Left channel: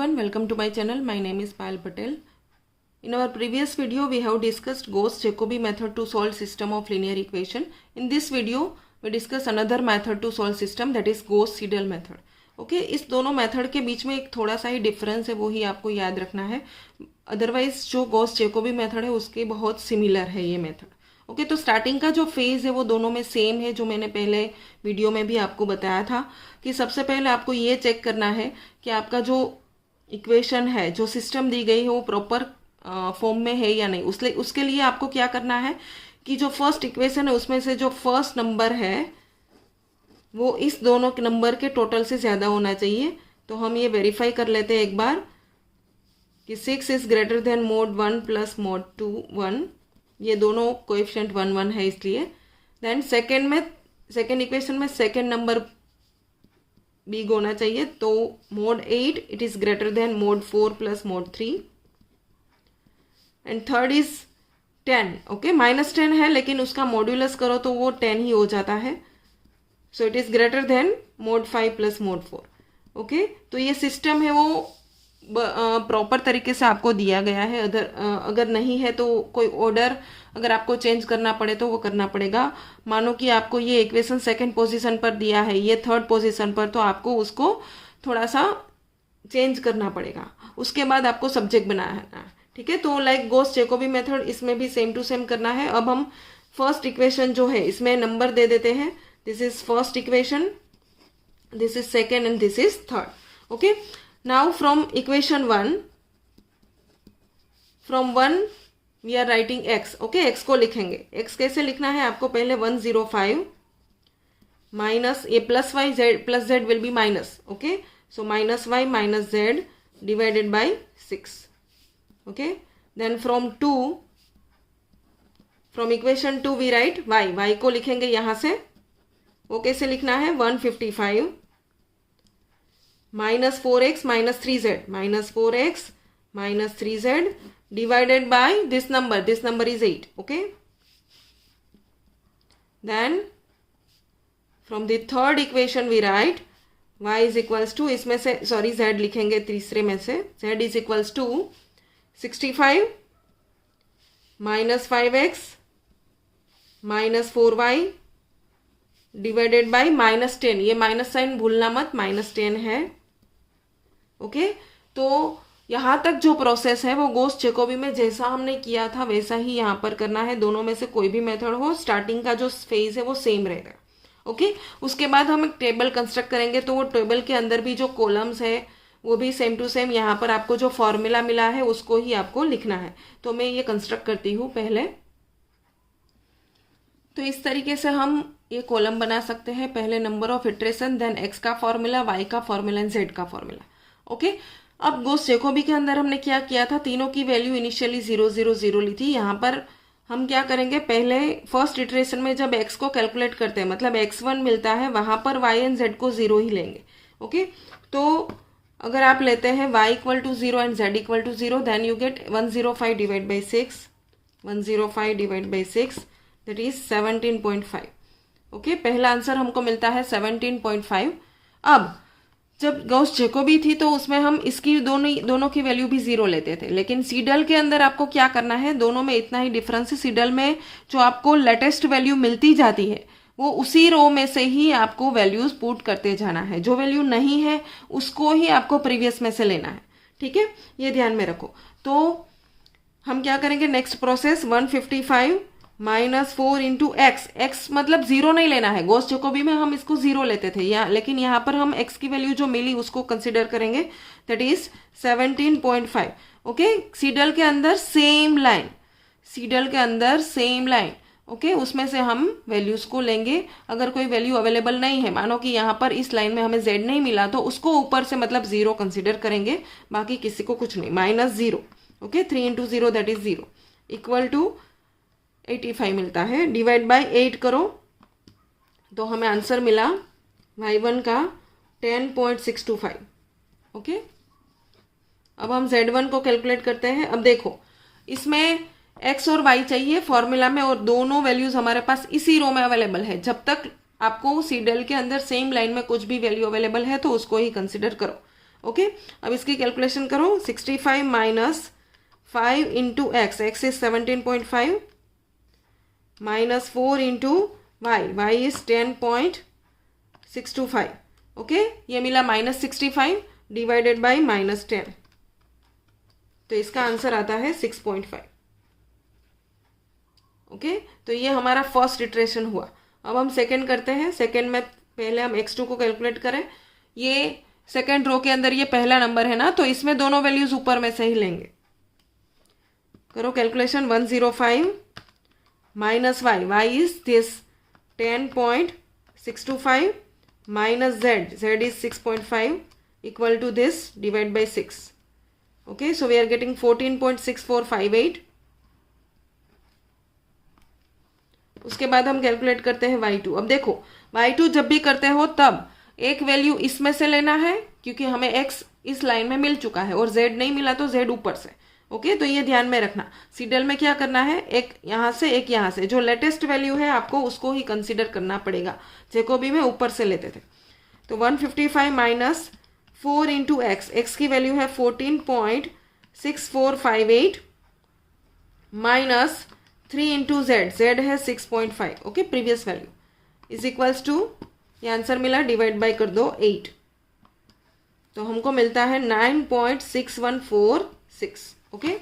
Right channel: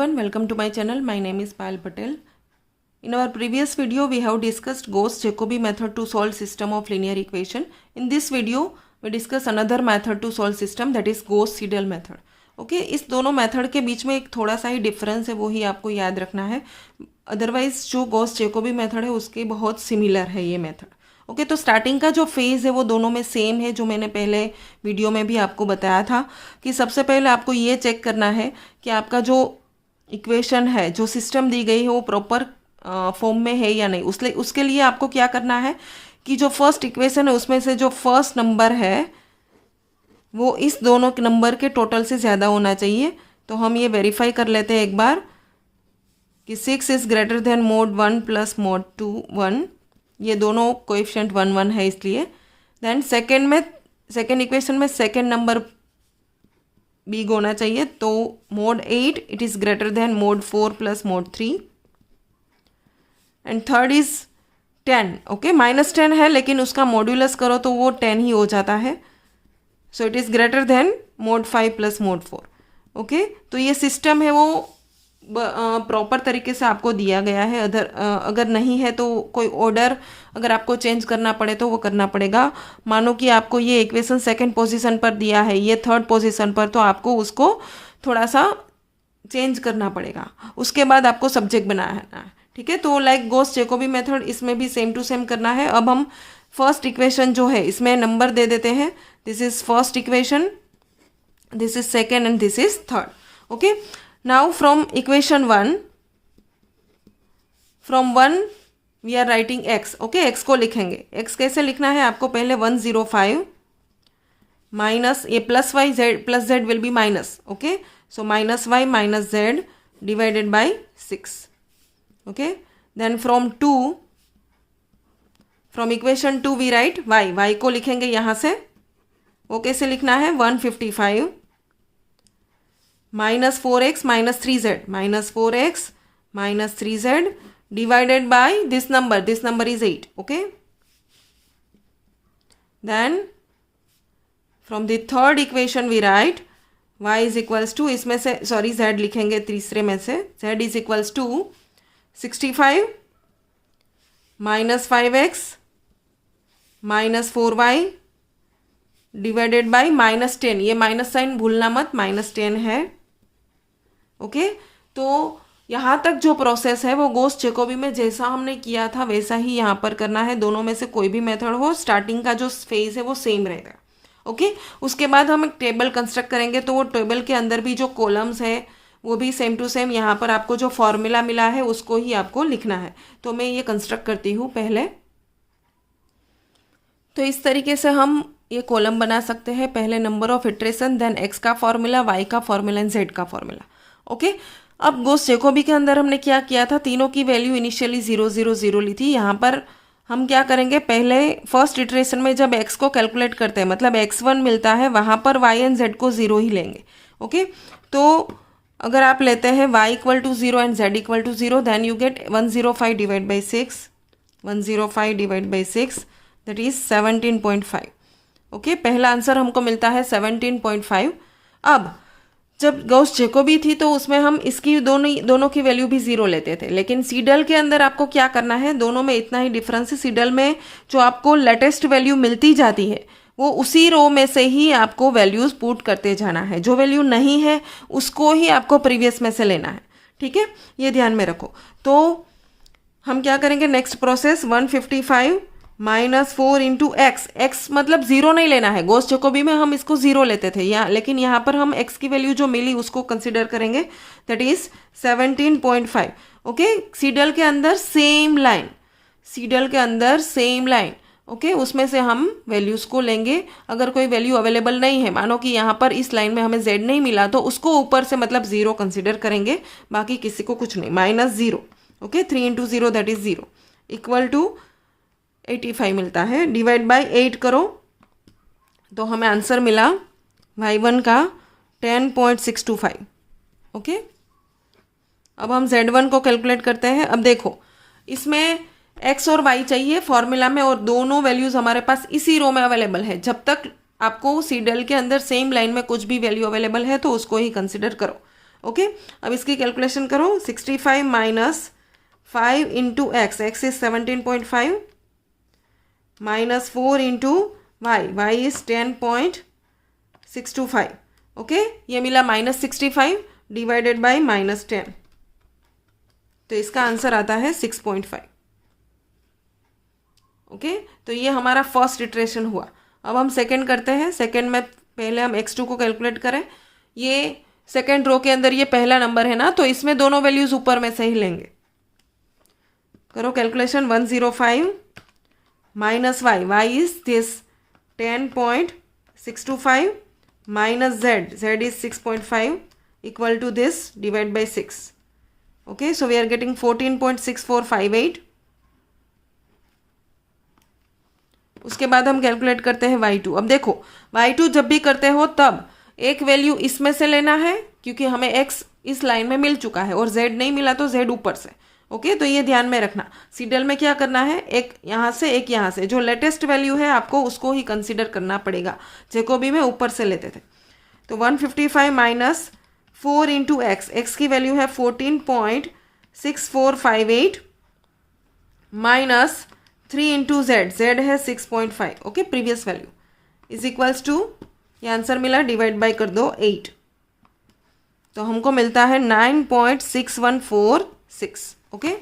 everyone, welcome to my channel. My name is Payal Patel. In our previous video, we have discussed Gauss-Jacobi method to solve system of linear equation. In this video, we discuss another method to solve system, that is Gauss-Seidel method. Okay इस दोनों method के बीच में एक थोड़ा सा ही difference है, वो ही आपको याद रखना है. अदरवाइज जो गॉस-जैकोबी मेथड है उसके बहुत सिमिलर है ये मेथड. ओके तो स्टार्टिंग का जो फेज़ है वो दोनों में सेम है, जो मैंने पहले वीडियो में भी आपको बताया था कि सबसे पहले आपको ये चेक करना है कि आपका जो इक्वेशन है, जो सिस्टम दी गई है वो प्रॉपर फॉर्म में है या नहीं. उसके लिए आपको क्या करना है कि जो फर्स्ट इक्वेशन है उसमें से जो फर्स्ट नंबर है वो इस दोनों नंबर के टोटल से ज़्यादा होना चाहिए. तो हम ये वेरीफाई कर लेते हैं एक बार कि 6 is greater than mod 1 plus mod 2 1. ये दोनों कोएफिशिएंट 1 1 है इसलिए. देन सेकेंड इक्वेशन में सेकेंड नंबर बिग होना चाहिए, तो mod 8 it is greater than mod 4 plus mod 3. And third is 10. Okay -10 है लेकिन उसका मॉड्यूलस करो तो वो 10 ही हो जाता है. So it is greater than mod 5 plus mod 4. Okay तो ये सिस्टम है वो प्रॉपर तरीके से आपको दिया गया है. अगर नहीं है तो कोई ऑर्डर अगर आपको चेंज करना पड़े तो वो करना पड़ेगा. मानो कि आपको ये इक्वेशन सेकंड पोजीशन पर दिया है, ये थर्ड पोजीशन पर, तो आपको उसको थोड़ा सा चेंज करना पड़ेगा. उसके बाद आपको सब्जेक्ट बनाना है. ठीक है, तो लाइक गॉस-जैकोबी मेथड इसमें भी सेम टू सेम करना है. अब हम फर्स्ट इक्वेशन जो है इसमें नंबर दे देते हैं. This is first equation, this is second and this is third. Okay now from equation 1 we are writing x. Okay x को लिखेंगे. x कैसे लिखना है आपको, पहले 105 माइनस ये plus Y Z plus Z will be minus. Okay so minus Y minus Z divided by 6. Okay then from equation 2 we write y को लिखेंगे यहाँ से. वो कैसे लिखना है, 155 minus 4x minus 3z minus 4x minus 3z divided by this number is 8. Okay then from the third equation we write y is equals to, इसमें से सॉरी z लिखेंगे तीसरे में से, z is equals to 65 minus 5x minus 4y divided by -10. ये minus sign भूलना मत, -10 है. ओके तो यहाँ तक जो प्रोसेस है वो गॉस-जैकोबी में जैसा हमने किया था वैसा ही यहाँ पर करना है. दोनों में से कोई भी मेथड हो, स्टार्टिंग का जो फेज है वो सेम रहेगा. ओके उसके बाद हम एक टेबल कंस्ट्रक्ट करेंगे, तो वो टेबल के अंदर भी जो कॉलम्स है वो भी सेम टू सेम यहाँ पर आपको जो फॉर्मूला मिला है उसको ही आपको लिखना है. तो मैं ये कंस्ट्रक्ट करती हूँ पहले. तो इस तरीके से हम ये कॉलम बना सकते हैं. पहले number of iteration, then x का फॉर्मूला, y का फॉर्मूला एंड z का फॉर्मूला. ओके अब गॉस-जैकोबी के अंदर हमने क्या किया था, तीनों की वैल्यू इनिशियली 0 0 0 ली थी. यहाँ पर हम क्या करेंगे, पहले फर्स्ट इटरेशन में जब x को कैलकुलेट करते हैं मतलब x1 मिलता है, वहाँ पर y एंड z को 0 ही लेंगे. ओके तो अगर आप लेते हैं y equal to 0 and z equal to 0 then you get 105 divide by 6, 105 divide by 6 that is 17.5. Okay पहला आंसर हमको मिलता है 17.5. अब जब गॉस-जैकोबी थी तो उसमें हम इसकी दोनों की वैल्यू भी 0 लेते थे, लेकिन सीडल के अंदर आपको क्या करना है, दोनों में इतना ही डिफरेंस है. सीडल में जो आपको लेटेस्ट वैल्यू मिलती जाती है वो उसी रो में से ही आपको वैल्यूज पुट करते जाना है. जो वैल्यू नहीं है उसको ही आपको प्रीवियस में से लेना है. ठीक है, ये ध्यान में रखो. तो हम क्या करेंगे, next process 155 minus 4 into x मतलब 0 नहीं लेना है. गॉस-जैकोबी में हम इसको 0 लेते थे लेकिन यहाँ पर हम x की वैल्यू जो मिली उसको कंसिडर करेंगे, दैट इज 17.5. ओके सीडल के अंदर सेम लाइन. ओके उसमें से हम वैल्यूज को लेंगे. अगर कोई वैल्यू अवेलेबल नहीं है, मानो कि यहाँ पर इस लाइन में हमें z नहीं मिला, तो उसको ऊपर से मतलब 0 कंसिडर करेंगे, बाकी किसी को कुछ नहीं. -0. Okay 3 into 0 that is 0 equal to 85 मिलता है. डिवाइड बाय 8 करो तो हमें आंसर मिला y1 का 10.625. ओके अब हम z1 को कैलकुलेट करते हैं. अब देखो इसमें x और y चाहिए फॉर्मूला में, और दोनों वैल्यूज हमारे पास इसी रो में अवेलेबल है. जब तक आपको सीडल के अंदर सेम लाइन में कुछ भी वैल्यू अवेलेबल है तो उसको ही कंसिडर करो. ओके, अब इसकी कैलकुलेशन करो। 65 minus 5 into X, X is 17.5 minus 4 into Y, Y is 10.625। Okay, ये मिला -65 डिवाइडेड बाई -10, तो इसका आंसर आता है 6.5। ओके, तो ये हमारा फर्स्ट इटरेशन हुआ। अब हम सेकंड करते हैं। सेकंड में पहले हम x2 को कैलकुलेट करें। ये सेकंड रो के अंदर ये पहला नंबर है ना, तो इसमें दोनों वैल्यूज ऊपर में से ही लेंगे। करो calculation. 105 minus Y, Y is this 10.625 minus Z, Z is 6.5 equal to this divide by 6। Okay, so we are getting 14.6458। उसके बाद हम कैलकुलेट करते हैं y2। अब देखो y2 जब भी करते हो तब एक वैल्यू इसमें से लेना है, क्योंकि हमें x इस लाइन में मिल चुका है और z नहीं मिला तो z ऊपर से। ओके, तो ये ध्यान में रखना। सीडल में क्या करना है, एक यहाँ से एक यहाँ से, जो लेटेस्ट वैल्यू है आपको उसको ही कंसिडर करना पड़ेगा। जैकोबी में ऊपर से लेते थे। तो 155 माइनस 4 इंटू एक्स, एक्स की वैल्यू है 14.6458 माइनस 3 इंटू जेड, जेड है 6.5। Okay, previous value is equals to, ये आंसर मिला, डिवाइड बाई कर दो 8, तो हमको मिलता है 9.6146। ओके,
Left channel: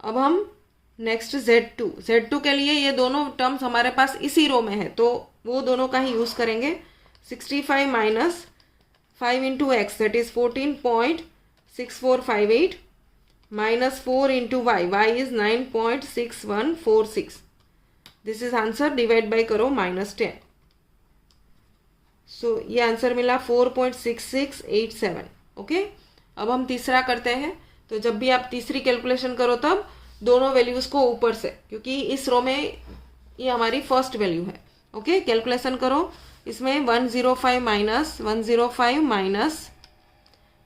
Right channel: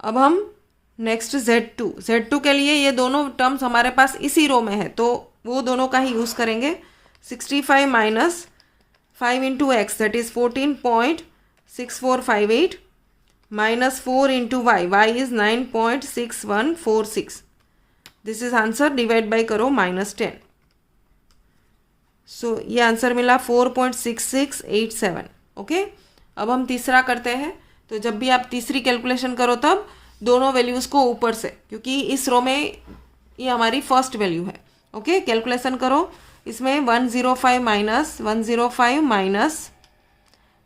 अब हम नेक्स्ट Z2, Z2 के लिए ये दोनों टर्म्स हमारे पास इसी रो में है, तो वो दोनों का ही यूज करेंगे। 65 minus 5 into x, that is 14.6458 minus 4 into y, y is 9.6146. This is answer, divide by करो -10। So ये आंसर मिला 4.6687। ओके, अब हम तीसरा करते हैं। तो जब भी आप तीसरी कैलकुलेशन करो तब दोनों वैल्यूज को ऊपर से, क्योंकि इस रो में ये हमारी फर्स्ट वैल्यू है। ओके, कैलकुलेशन करो। इसमें 105 minus 105 minus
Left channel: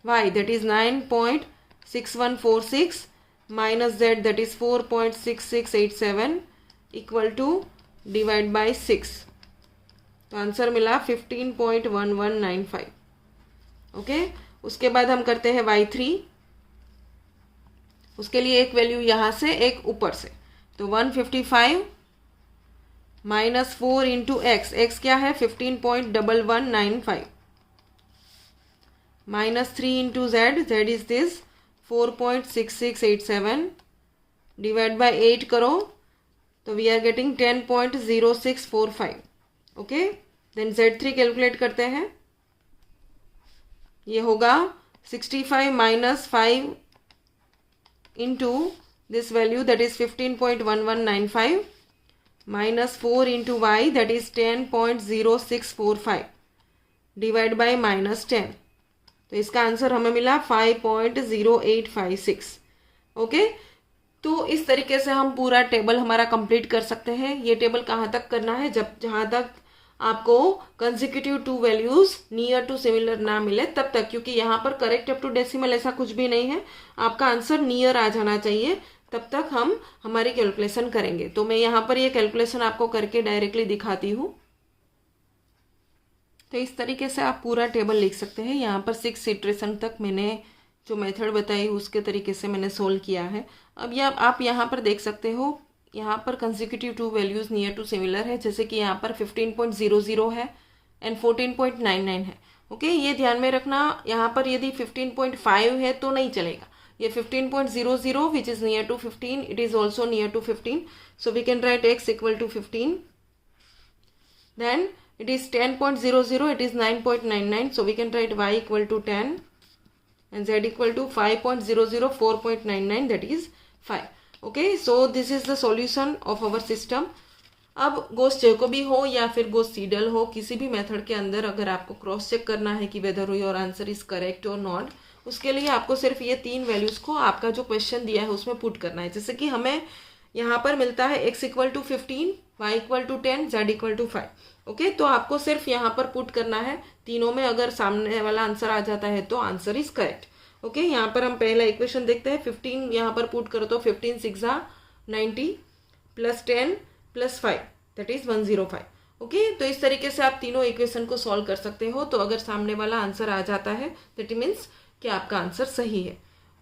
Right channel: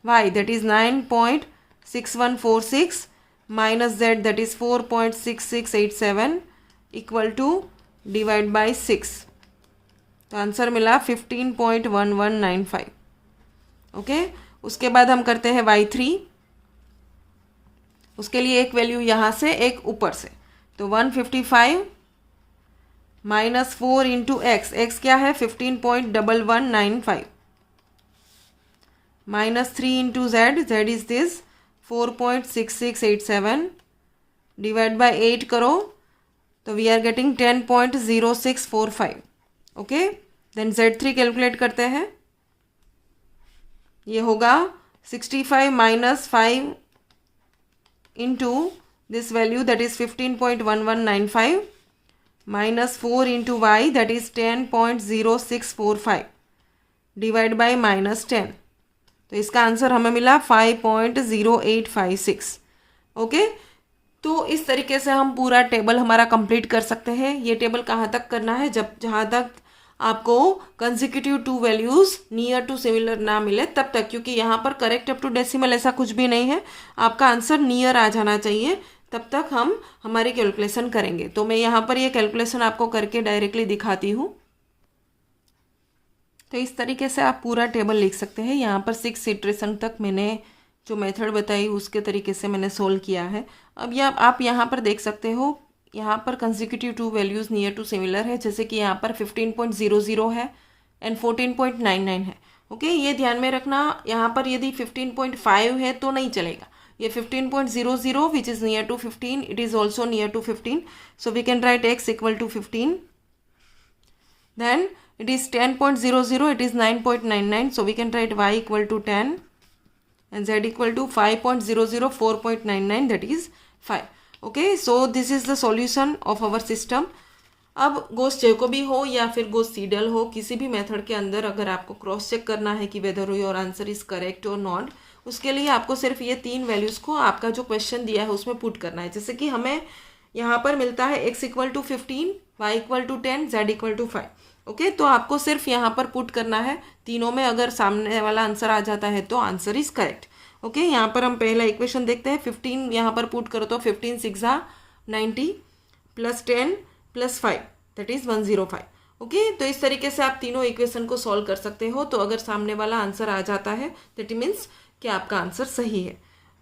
y, that is 9.6146 minus z, that is 4.6687 equal to divide by 6, तो आंसर मिला 15.1195। ओके, उसके बाद हम करते हैं y3। उसके लिए एक वैल्यू यहाँ से एक ऊपर से, तो 155 माइनस 4 इंटू एक्स, एक्स क्या है 15.1195 minus 3 into Z, Z is this 4.6687 divide by 8 करो, तो we are getting 10.0645। Okay, then Z3 calculate करते हैं। ये होगा 65 minus 5 into this value, that is 15.1195 minus 4 into Y, that is 10.0645 divide by -10, तो इसका आंसर हमें मिला 5.0856। ओके, तो इस तरीके से हम पूरा टेबल हमारा कंप्लीट कर सकते हैं। ये टेबल कहाँ तक करना है, जहाँ तक आपको consecutive two values near to similar ना मिले तब तक, क्योंकि यहाँ पर करेक्ट अप टू डेसिमल ऐसा कुछ भी नहीं है, आपका आंसर नियर आ जाना चाहिए, तब तक हम हमारी कैलकुलेशन करेंगे। तो मैं यहाँ पर ये कैलकुलेशन आपको करके डायरेक्टली दिखाती हूँ। तो इस तरीके से आप पूरा टेबल लिख सकते हैं। यहाँ पर 6 इटरेशन तक मैंने जो मेथड बताई उसके तरीके से मैंने सोल्व किया है। अब यह आप यहाँ पर देख सकते हो, यहाँ पर consecutive two values near to similar है, जैसे कि यहाँ पर 15.00 है एंड 14.99 है। ओके, ये ध्यान में रखना। यहाँ पर यदि 15.5 है तो नहीं चलेगा, ये 15.00 which is near to 15, it is also near to 15, so we can write x equal to 15, then it is 10.00, it is 9.99, so we can write y equal to 10 and z equal to 5.00, 4.99, that is 5. Okay, so this is the solution of our system. अब गोस Jacobi हो या फिर गोस Seidel हो, किसी भी method के अंदर अगर आपको क्रॉस चेक करना है कि whether your answer is correct और नॉट, उसके लिए आपको सिर्फ ये 3 वैल्यूज को आपका जो क्वेश्चन दिया है उसमें पुट करना है। जैसे कि हमें यहाँ पर मिलता है x equal to 15, y equal to 10, z equal to 5। Okay, तो आपको सिर्फ यहाँ पर पुट करना है। तीनों में अगर सामने वाला आंसर आ जाता है तो आंसर इज करेक्ट। ओके, यहाँ पर हम पहला इक्वेशन देखते हैं। 15 यहाँ पर पुट करो तो 15 6 90 plus 10 plus 5 that is 105। Okay, तो इस तरीके से आप तीनों इक्वेशन को सॉल्व कर सकते हो। तो अगर सामने वाला आंसर आ जाता है दैट मीन्स कि आपका आंसर सही है।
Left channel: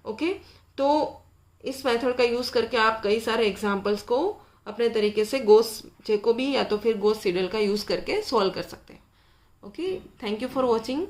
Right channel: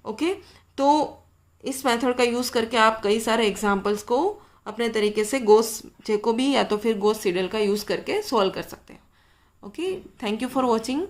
ओके, तो इस मेथड का यूज़ करके आप कई सारे एग्जाम्पल्स को अपने तरीके से गॉस जैकोबी या तो फिर गॉस सीडल का यूज़ करके सॉल्व कर सकते हैं। Okay, thank you for watching.